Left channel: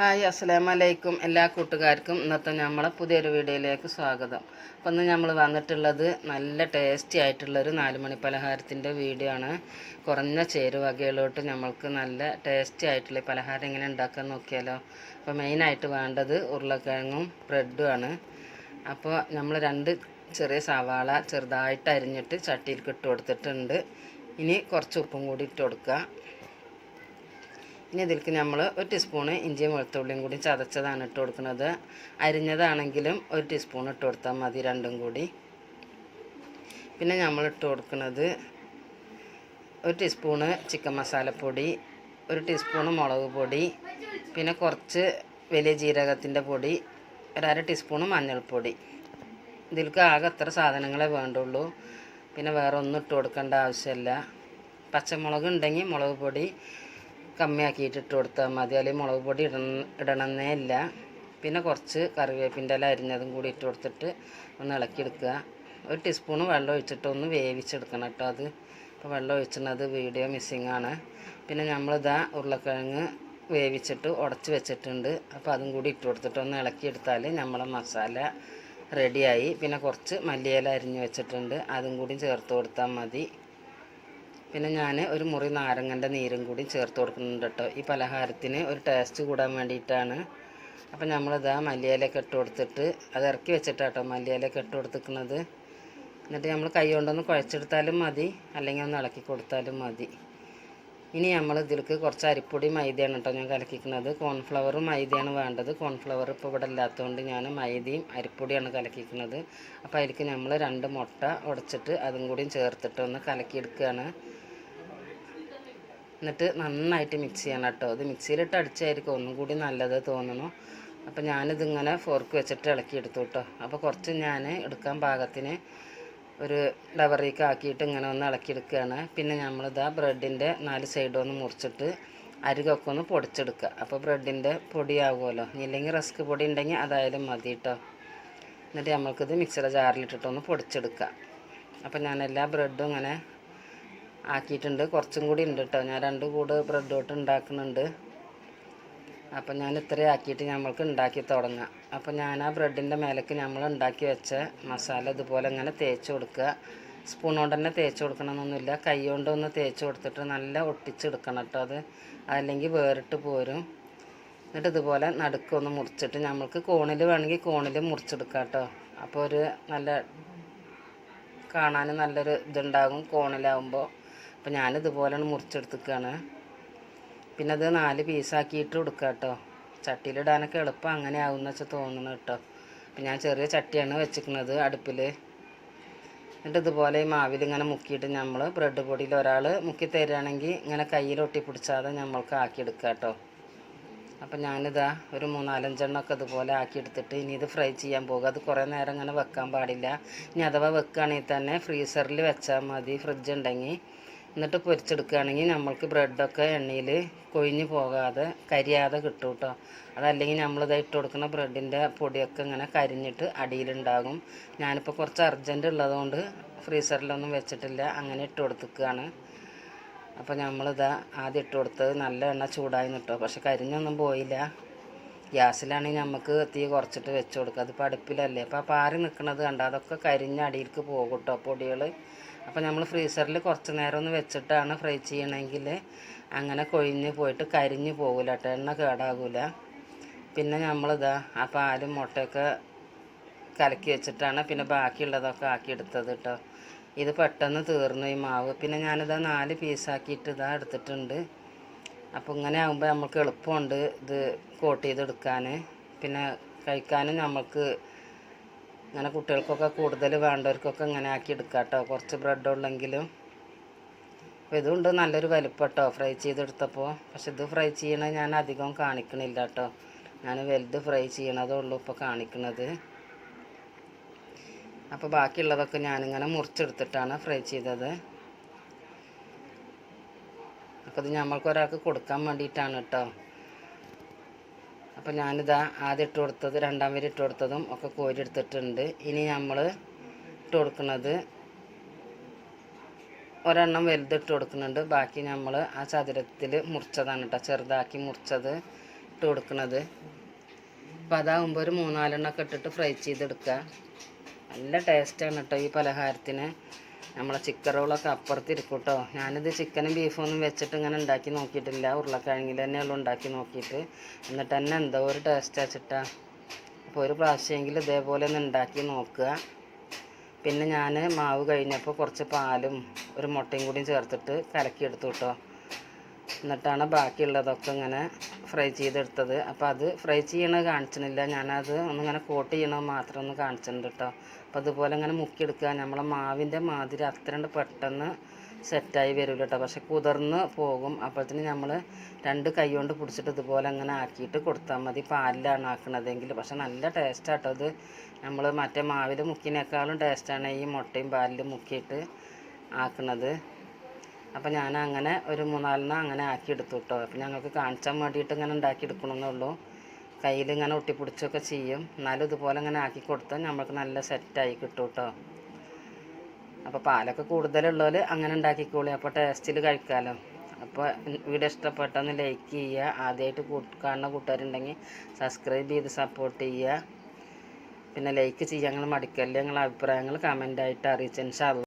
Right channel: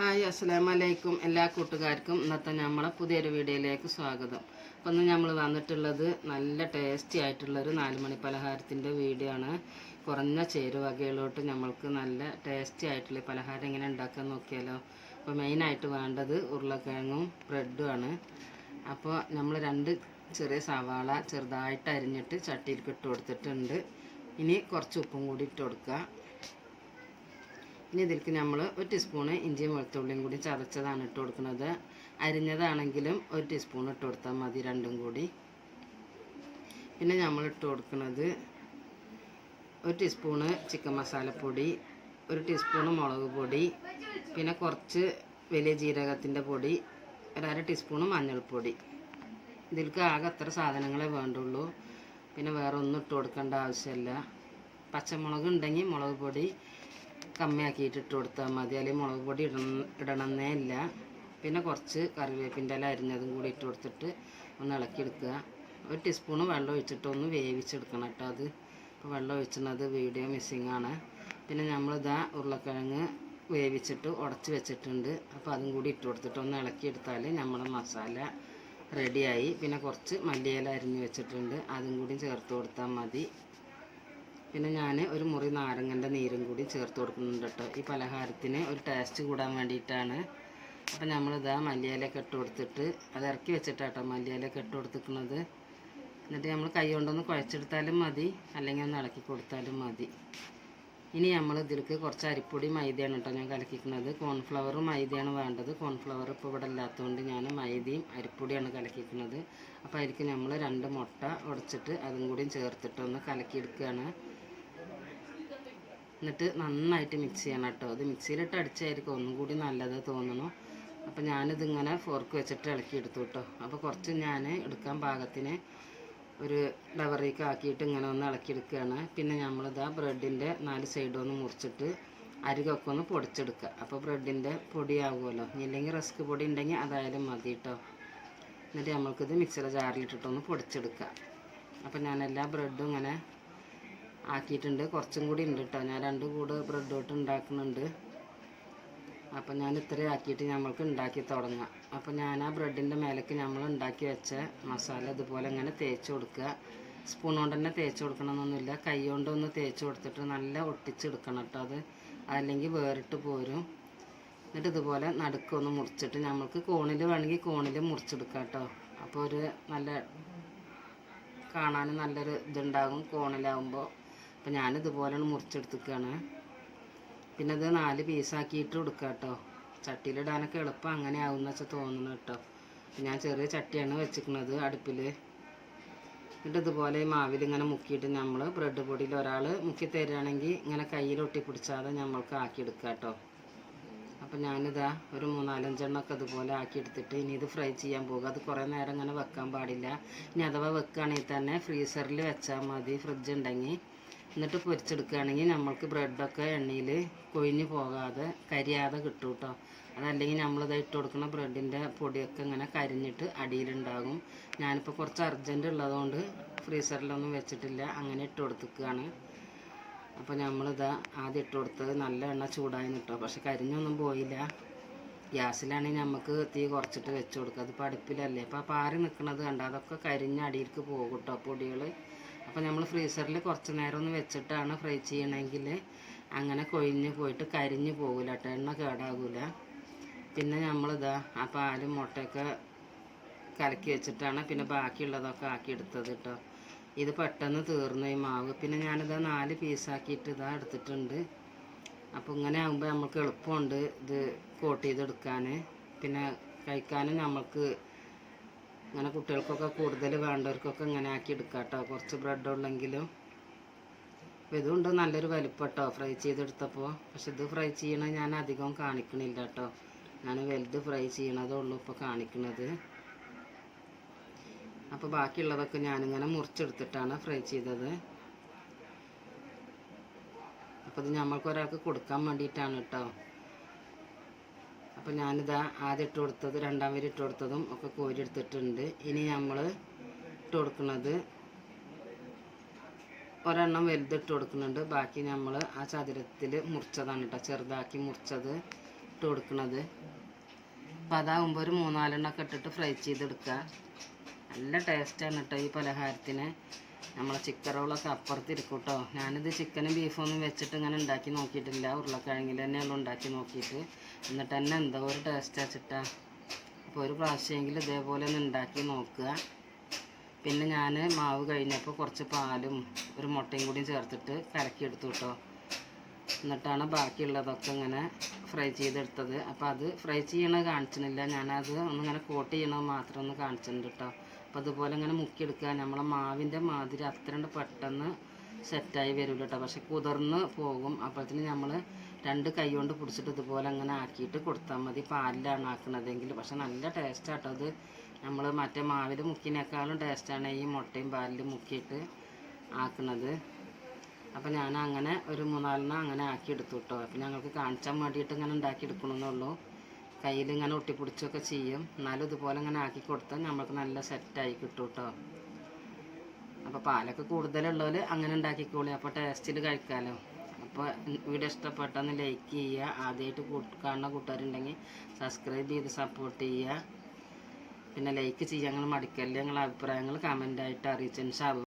Hi അസ്സലാമു അലൈക്കും എല്ലാ കൂട്ടുകാർക്കും ഇന്നത്തെ നമ്മളെ പുതിയൊരു വീഡിയോയിലേക്ക് സ്വാഗതം. അപ്പം ഇന്ന് നമ്മൾ വന്നിട്ടുള്ളത് നല്ല ടേസ്റ്റി ആയിട്ടുള്ളൊരു നാല് മണി പലഹാരത്തിന്റെ വീഡിയോ ആണ്. കുറഞ്ഞ ചേരുവകയിലോട്ട് നമ്മൾക്ക് നല്ല ടേസ്റ്റി ആയിട്ടുള്ള പലഹാരം എങ്ങനെ ഉണ്ടാക്കാൻ നോക്കിയാലോ. അപ്പോൾ മെയിനായിട്ട് വേണ്ടത് ഉരുളക്കിഴങ്ങും ബ്രെഡും ആണ്. അപ്പോൾ നമ്മൾ രണ്ട് ചെറിയ സവാള ചെറുതായിട്ട് അരിഞ്ഞിട്ട് ചട്ടിയിൽ ഇട്ട് കൊടുത്തിട്ടുണ്ട്. ഇനി കുറച്ച് ഉപ്പും കൂടി ഇട്ട് കൊടുക്കുക. ഇനി ഇതിലേക്ക് നമ്മൾ ഒരു ടീസ്പൂണ് ഇഞ്ചിയും വെളുത്തുള്ളിയും കൂടി ചതച്ചതാണ് ഇട്ട് കൊടുക്കുന്നത്. അരിഞ്ഞതാണെങ്കിലും ഒരു ടീസ്പൂൺ ഇട്ട് കൊടുത്താൽ മതി രണ്ടും കൂടി. പിന്നെ നമ്മൾ ഇട്ട് കൊടുക്കുന്നത് ഒരു ടീസ്പൂണ് ചിക്കൻ മസാലപ്പൊടി ഒരു ടീസ്പൂണ് മുളക് പൊടി പിന്നെ കുറച്ച് വലിയ ജീരകത്തിന്റെ പൊടി ഒരര ടീസ്പൂണ് മഞ്ഞൾപ്പൊടി. ഇതിലേക്ക് ആകെ അത്ര സാധനങ്ങളെ വേണ്ടുള്ളൂ. പിന്നെ വേറെ ഒന്നും ഇട്ട് കൊടുക്കേണ്ട ആവശ്യമില്ല. പച്ചമുളക് ഉണ്ടെങ്കിൽ മുളക് പൊടി കമ്മിയാക്കിയിട്ട് ഇട്ട് കൊടുത്താൽ മതി. അല്ലെങ്കിൽ മുളക് പൊടി ഇടണം ഇടണമെന്നേ ഇല്ല. പിന്നെ കുറച്ച് കറിവേപ്പിന്റെ ഇല അരിഞ്ഞതും കൂടി ഇട്ട് കൊടുത്തിട്ട് ഒന്ന് ഇളക്കിയെടുക്കുക. ഒരു ടീസ്പൂണ് വെള്ളം ഒഴിച്ചിട്ട് ഒന്ന് വേവിച്ചെടുക്കണം കേട്ടോ അത്. ഇപ്പോൾ വെള്ളം അത് വീഡിയോ മിസ്സിങ് ആണ്. പിന്നെ നമ്മളിതാ ഉരുളക്കിഴങ്ങ് വേവിച്ചിട്ട് ഉടച്ച് വെച്ചിട്ടുണ്ട്. അപ്പോൾ അതും കൂടി ഇട്ട് കൊടുത്തിട്ട് ഒന്ന് ഇളക്കിയെടുത്താൽ നമ്മളെ മസാല റെഡിയായി പിന്നെ കുറച്ച് മല്ലിയില അരിഞ്ഞ് വെച്ചിട്ടുണ്ട്. അതും കൂടി ചേർത്ത് കൊടുത്താൽ മതി. പിന്നെ ഞാൻ ഒരു മുറി നാരങ്ങന്റെ നീരും കൂടി ചേർത്ത് കൊടുക്കുന്നുണ്ട് കേട്ടോ. ഈ പലഹാരത്തിന് ഒരു ടേസ്റ്റ് കൂടാൻ വേണ്ടിയിട്ടാണ്. അപ്പം നമ്മളിതാ മല്ലിയിലൊക്കെ ഇട്ട് കൊടുത്തിട്ട് അത് ഇറക്കി വെച്ചിട്ടാട്ടോ മല്ലിയിലൊക്കെ ഇട്ട് കൊടുത്തിരിക്കുന്നത്. എന്നിട്ട് നമ്മൾ കൈ കൊണ്ടൊന്ന് കുഴച്ചെടുത്താലും മതി. അല്ലെങ്കിൽ ഒന്ന് ഇളക്കി കൊടുത്താലും മതി. ഇനി നമ്മൾ ഇതിലേക്ക് കുറച്ച് അരിപ്പൊടി മൈദയാണ് കേട്ടോ ഞാൻ കലക്കിക്കുന്നത്. കോൺഫ്ലവറും മൈദയാണ് വേണ്ടത്. കോൺഫ്ലവർ ഇപ്പോൾ ഇവിടെ ഇല്ലാത്തതുകൊണ്ട് ഞാൻ മൈദയും അരിപ്പൊടിയാണ് കലക്കിക്കുന്നത് അപ്പോൾ അതിലേക്ക് നമ്മൾ രണ്ട് മുട്ട ഉടച്ചിട്ട് അതും കൂടിയും ചേർത്തിട്ട് ഒന്ന് കലക്കിയെടുക്കുകയാണ്. എന്നിട്ട് നന്നായിട്ട് മിക്സ് ചെയ്യണം കേട്ടോ. ഇത് മിക്സിയിലിട്ട് അടിച്ചായിരിക്കും ഒന്നും കൂടി നല്ലത് തോന്നുന്നു അപ്പോൾ ഞാനിതിങ്ങനെ ഫോർക്ക് വെച്ചിട്ട് ഇളക്കി എടുത്തു കേട്ടോ. അപ്പോൾ കുറച്ച് ഞാൻ എടുക്കാൻ പാകത്തിന് ഒരു ഡവറിലേക്ക് ആക്കിയിട്ട് ഇങ്ങനെ ഒന്ന് ഇളക്കിയെടുക്കുകയാണ്. പിന്നെ നമ്മളിതാ ബ്രെഡിന്റെ നാല് സൈഡും ഒന്ന് മുറിച്ചിട്ട് അരികൊക്കെ ഒന്ന് പൊടിച്ചെടുക്കുക. അപ്പോൾ ബ്രെഡിന്റെ പൊടിയാകുമല്ലോ ഇല്ലെങ്കിൽ റസ്ക് പൊടി ഉണ്ടെങ്കിൽ അതായാലും മതി കേട്ടോ. എന്നിട്ട് നമ്മൾക്കിത് മിക്സിയുടെ ജാറിലിട്ടിട്ടൊന്ന് പൊടിച്ചെടുക്കുക. അപ്പോൾ ഞാൻ ബ്രെഡും ഇങ്ങനെ ആക്കിയിട്ടുണ്ട്. കുറച്ചും കൂടി ഉണ്ട് കേട്ടോ ഞാൻ രണ്ട് കൂട് ബ്രെഡ് തൊട്ട് ഉണ്ടാക്കുന്നുണ്ട്. അപ്പം ഞാൻ ഇത്രയും ആക്കിയിട്ട് നമ്മൾക്ക് ഉണ്ടാക്കി തുടങ്ങാം. അപ്പോൾ ഞാൻ ആ ബ്രെഡിന്റെ മേലേക്ക് നമ്മൾ ഉണ്ടാക്കി വെച്ച മസാല ഇതുപോലെ ഇങ്ങനെ തേച്ച് കൊടുക്കുക. സ്പൂൺ കൊണ്ട് തന്നെ തേച്ച് കൊടുക്കണമെന്നൊന്നുമില്ല. കൈ കൊണ്ടൊന്ന് തേച്ച് കൊടുത്തിട്ട് നല്ല ഒട്ടിച്ചെടുക്കണം കേട്ടോ അത്. അല്ലെങ്കിൽ വേറിട്ട് പോരും. എന്നിട്ട് ഇതുപോലെ നടുക്കൊന്ന് മുറിച്ചിട്ട് നമ്മൾക്ക് കോണിൽ വേണമെങ്കിൽ കോണിൽ മുറിച്ചെടുക്കാം കേട്ടോ അപ്പോൾ ഒരു നല്ല കാണാൻ നല്ലൊരു ഇതുണ്ടാകും കോണിലാവുമ്പോൾ. അപ്പോൾ ഞാനിതുപോലെയാണ് മുറിച്ചെടുത്തിക്കുകയാണ് പിന്നെ അത് നാല് പീസാക്കിയിട്ട് കൊടുക്കുക കേട്ടോ ചട്ടിയിലിടാനൊക്കെ എളുപ്പം അങ്ങനെ ആവുമെന്ന് വെച്ചാൽ തോന്നുന്നു കേട്ടോ അപ്പം ഞാൻ ചെറിയ ചട്ടിയാണ് വെച്ചിരിക്കുന്നത് അടുപ്പിൽ എന്നിട്ട് ഇതുപോലെ ഈ മാവിൽ ഇങ്ങനെ മുക്കിയിട്ട് നമ്മൾ ബ്രെഡ് പൊടിയിൽ ഒരാൾ മുക്കി തരികയാണെങ്കിൽ ഇങ്ങനെ കയ്യിൽ ഒട്ടിപ്പിടിച്ചാതെ നമ്മൾക്ക് ആക്കിയെടുക്കുക കേട്ടോ അപ്പം ഞാനിതാ ഒരു മൂന്നാലഞ്ചെണ്ണമൊക്കെ ഇതുപോലെ ആക്കിയെടുത്തിട്ട് ഇനി ഇത് ഫ്രൈ ചെയ്യാൻ പോകുക അത് കുറേ നേരം ഇങ്ങനെ വെക്കാൻ പാടില്ല. ഇനി അഥവാ വെക്കുകയാണെങ്കിൽ തന്നെ ഫ്രീസറിൽ വെച്ചാൽ മതി ഫ്രിഡ്ജ് ഉണ്ടെങ്കിൽ എന്നിട്ട് പൊരിച്ചെടുക്കുകയാണെങ്കിൽ നമ്മൾക്ക് ബ്രെഡൊക്കെ എണ്ണയിൽ കൊഴിഞ്ഞു പോകാതെ കരിയാതെ കിട്ടും കേട്ടോ അതല്ലെങ്കിൽ നമ്മളിത് ഇട്ട് കൊടുക്കുന്ന ബ്രെഡിന്റെ പൊടിയൊക്കെ ഇങ്ങനെ കരിഞ്ഞിട്ട് അടിയിലുണ്ടാകും. ഞാനിപ്പോൾ കുറച്ച് അർജന്റ് ഉള്ളതുകൊണ്ട് ഫ്രീസറിലൊന്നും വെച്ചിട്ടില്ല. അങ്ങനെ ഇട്ട് കൊടുത്തിക്കുകയാണ്. അപ്പോൾ നമ്മളിതാ ആദ്യം ഇട്ട് കൊടുത്തത് നല്ല എണ്ണ ചൂടായി നിട്ടോ പക്ഷെ കരിഞ്ഞൊന്നും പോയില്ല. ഗ്യാസിലാണെങ്കിൽ നമുക്ക് തീ കുറച്ചിട്ട് വെച്ച് കൊടുക്കുക. അതിപ്പോൾ അടുപ്പിലല്ലേ. അപ്പോൾ പാറി നിൽക്കുന്നത് കണ്ട? അതൊക്കെ കരിഞ്ഞ് അടിയിലേക്ക് പോകും കേട്ടോ പൊടികൾ. അപ്പോൾ നമ്മൾ ഫ്രീസറിൽ കുറച്ച് നേരം ഒന്ന് വെച്ചിട്ടാണ് ഫ്രൈ ചെയ്യണമെങ്കിൽ അങ്ങനെ കൊഴിഞ്ഞ് പോയിട്ട് കരിഞ്ഞ് പോകില്ല കേട്ടോ എണ്ണ കേടാകില്ല പിന്നെ നമ്മളിതാ ആ പാലും മുട്ടയൊക്കെ കലക്കി വെച്ചിട്ടാണ് പിന്നെ ബാക്കിയുള്ളതൊക്കെ ആക്കിയെടുത്തത് കേട്ടോ ഇത് പെട്ടെന്ന് തീർന്നു ഈ മാവ്. പിന്നെ ഞാനിത് നാല് പീസാക്കിയിട്ട് ഇതാ എടുത്തിട്ടുണ്ട്. അപ്പോൾ ഇങ്ങനെ ആകുമ്പോൾ നമുക്ക് എളുപ്പമുണ്ട് ഇത് കോട്ട് ചെയ്തെടുക്കാൻ പിന്നെ കഴിക്കാനും നമുക്ക് ഇങ്ങനെ കുട്ടികൾക്കൊക്കെ കൂടുതൽ വേണ്ടവർക്കൊക്കെ ഇങ്ങനെ ആക്കി എടുക്കാം കേട്ടോ കുറച്ച് ബ്രെഡ് ഉണ്ടെങ്കിലും. ഇതുണ്ട് നല്ലൊരു വലിപ്പം കേട്ടോ ഫ്രൈ ചെയ്തെടുത്തപ്പോൾ പക്ഷെ ഇത് ഫ്രൈ ചെയ്യണത് ഞാൻ അധികം കാണിക്കണില്ല കേട്ടോ ഞാൻ വലുത് ഫ്രൈ ചെയ്യണതേ ഉള്ളൂ ഇപ്പോൾ കാണിക്കണത്. അപ്പോൾ ബാക്കിയുള്ളതൊക്കെ ഞാനിങ്ങനെ മുറിച്ചെടുത്തിട്ടാണ് ഫ്രൈ ചെയ്തത്. അപ്പോൾ ഇത് നമ്മൾക്ക് ഒരാൾക്ക് കൊടുക്കാൻ വേണ്ടിയിട്ടാണ് കേട്ടോ അപ്പോൾ ഞാനിതാ ആദ്യം ഇട്ട് കൊടുത്തത് രണ്ടാം വരി ഇട്ട് കൊടുത്തതും ഒക്കെ കോരിയെടുത്തിട്ടുണ്ട് ഇനി നമ്മൾ ഇട്ട് കൊടുക്കുന്നത് ഒരെണ്ണം വലുത് ഇട്ട് കൊടുക്കുന്നുണ്ട്. ബാക്കി നമ്മൾ ആ ചതുരത്തിൽ മുറിച്ചതാണ് കേട്ടോ ചെറുതാക്കി മുറിച്ചത് ഇട്ട് കൊടുക്കുന്നത് അപ്പം അതാകുമ്പോൾ ഒരു മൂന്നാലെണ്ണമൊക്കെ ഇട്ടിട്ട് ഫ്രൈ ചെയ്തെടുക്കുക നല്ല ടേസ്റ്റാണ് കേട്ടോ ഈ പലഹാരത്തിന്. നമ്മളെ ചിക്കൻ റോളൊക്കെ അപ്പുറത്തിരിക്കും കേട്ടോ ഞാനിത് ചിക്കനും ബീഫും ഒന്നും വെച്ചിട്ട് ഇങ്ങനെ ഉണ്ടാക്കി നോക്കിയിട്ടില്ല. ഉരുളക്കിഴങ്ങിൽ തന്നെയുള്ളൂ ഉണ്ടാക്കി നോക്കിയിട്ട്. എന്നിട്ട് തന്നെ എന്തോ ഒരു ടേസ്റ്റ് വെച്ചിട്ടാ. അപ്പോൾ ഒരു പ്രാവശ്യമെങ്കിലും ഇതേപോലെ ഒന്ന് ഉണ്ടാക്കി നോക്കുക. പിന്നെ ഞാൻ മാവ് കഴിഞ്ഞപ്പോൾ കുറച്ച് പാലും ഒരു മുട്ടയും കൂടിയും ചേർത്തിട്ട് കലക്കിയെടുത്തു കേട്ടോ എന്നിട്ടാണ് ബാക്കിയുള്ളതൊക്കെ ഇങ്ങനെ ഫ്രൈ ചെയ്തെടുത്തത്. അപ്പോൾ അത് ഫ്രൈ ചെയ്യണത് കാണിച്ചിട്ടില്ല. ഞാനത് ഒന്നിങ്ങനെ കോട്ട് ചെയ്യണത് മാത്രം ഒന്ന് കാണിച്ചിട്ടുണ്ട് കേട്ടോ അപ്പോൾ അതുപോലെ ഇങ്ങനെ മുക്കിയെടുക്കുക നമ്മളെ മാവിന്റെ മാതിരി അത്രണ്ട് പെട്ടെന്ന് സെറ്റായി വരില്ല കേട്ടോ പക്ഷെ കുതിർന്ന് പോകും. അപ്പോഴത്തേന് നമ്മൾ രണ്ട് കൈ കൊണ്ട് പിടിച്ചിട്ട് ഇതുപോലെ അങ്ങനെ ആക്കിയിട്ട് കൊടുത്താൽ മതി. പാലിലാണ് ആക്കണതെങ്കിൽ പക്ഷെ നല്ല ടേസ്റ്റാട്ടോ ഇത് നമ്മൾ മറ്റേ മാവിൽ മുക്കിനേക്കാളും ടേസ്റ്റാണ് ഈ മുട്ടയും പാലിൽ മുക്കിയിട്ട് ആക്കണത്. അപ്പോൾ ഞാൻ അങ്ങനെ ഒരു മൂന്നാലെണ്ണം അങ്ങനെ ആക്കി എടുത്തു കേട്ടോ അപ്പോൾ ഞങ്ങൾക്ക് കാണിച്ചാൻ വേണ്ടിയിട്ട് ഇങ്ങനെ ഉണ്ടാക്കി എടുക്കണമെന്നുള്ളൂ കയ്യിൽ ഇങ്ങനെ ഒട്ടിപ്പിടിച്ചൊക്കെ ചെയ്യും. എന്നാലും ഇതുപോലെ ഇങ്ങനെ ആക്കി കൊടുത്താൽ നമ്മൾക്ക് നല്ല സെറ്റായി കിട്ടും കേട്ടോ അപ്പോൾ പാലൊക്കെ കൂടുതലുള്ളവർ അങ്ങനെ ഉണ്ടാക്കിക്കോളി. അപ്പോൾ ടേസ്റ്റിൽ കഴിക്കാമല്ലോ അപ്പോൾ വീഡിയോ ഇഷ്ടപ്പെട്ടൊന്ന് ലൈക്ക് ചെയ്യുക ആദ്യമായിട്ട് കാണുന്ന കൂട്ടുകാരുണ്ടെങ്കിൽ സബ്സ്ക്രൈബ് ചെയ്ത് സപ്പോർട്ട് ചെയ്യുക പിന്നെ ലൈക്ക് ചെയ്യാൻ നിങ്ങൾ മടിക്കല്ലേ? നിങ്ങളുടെ അഭിപ്രായങ്ങൾ കമന്റായിട്ട് അറിയിച്ചതിന്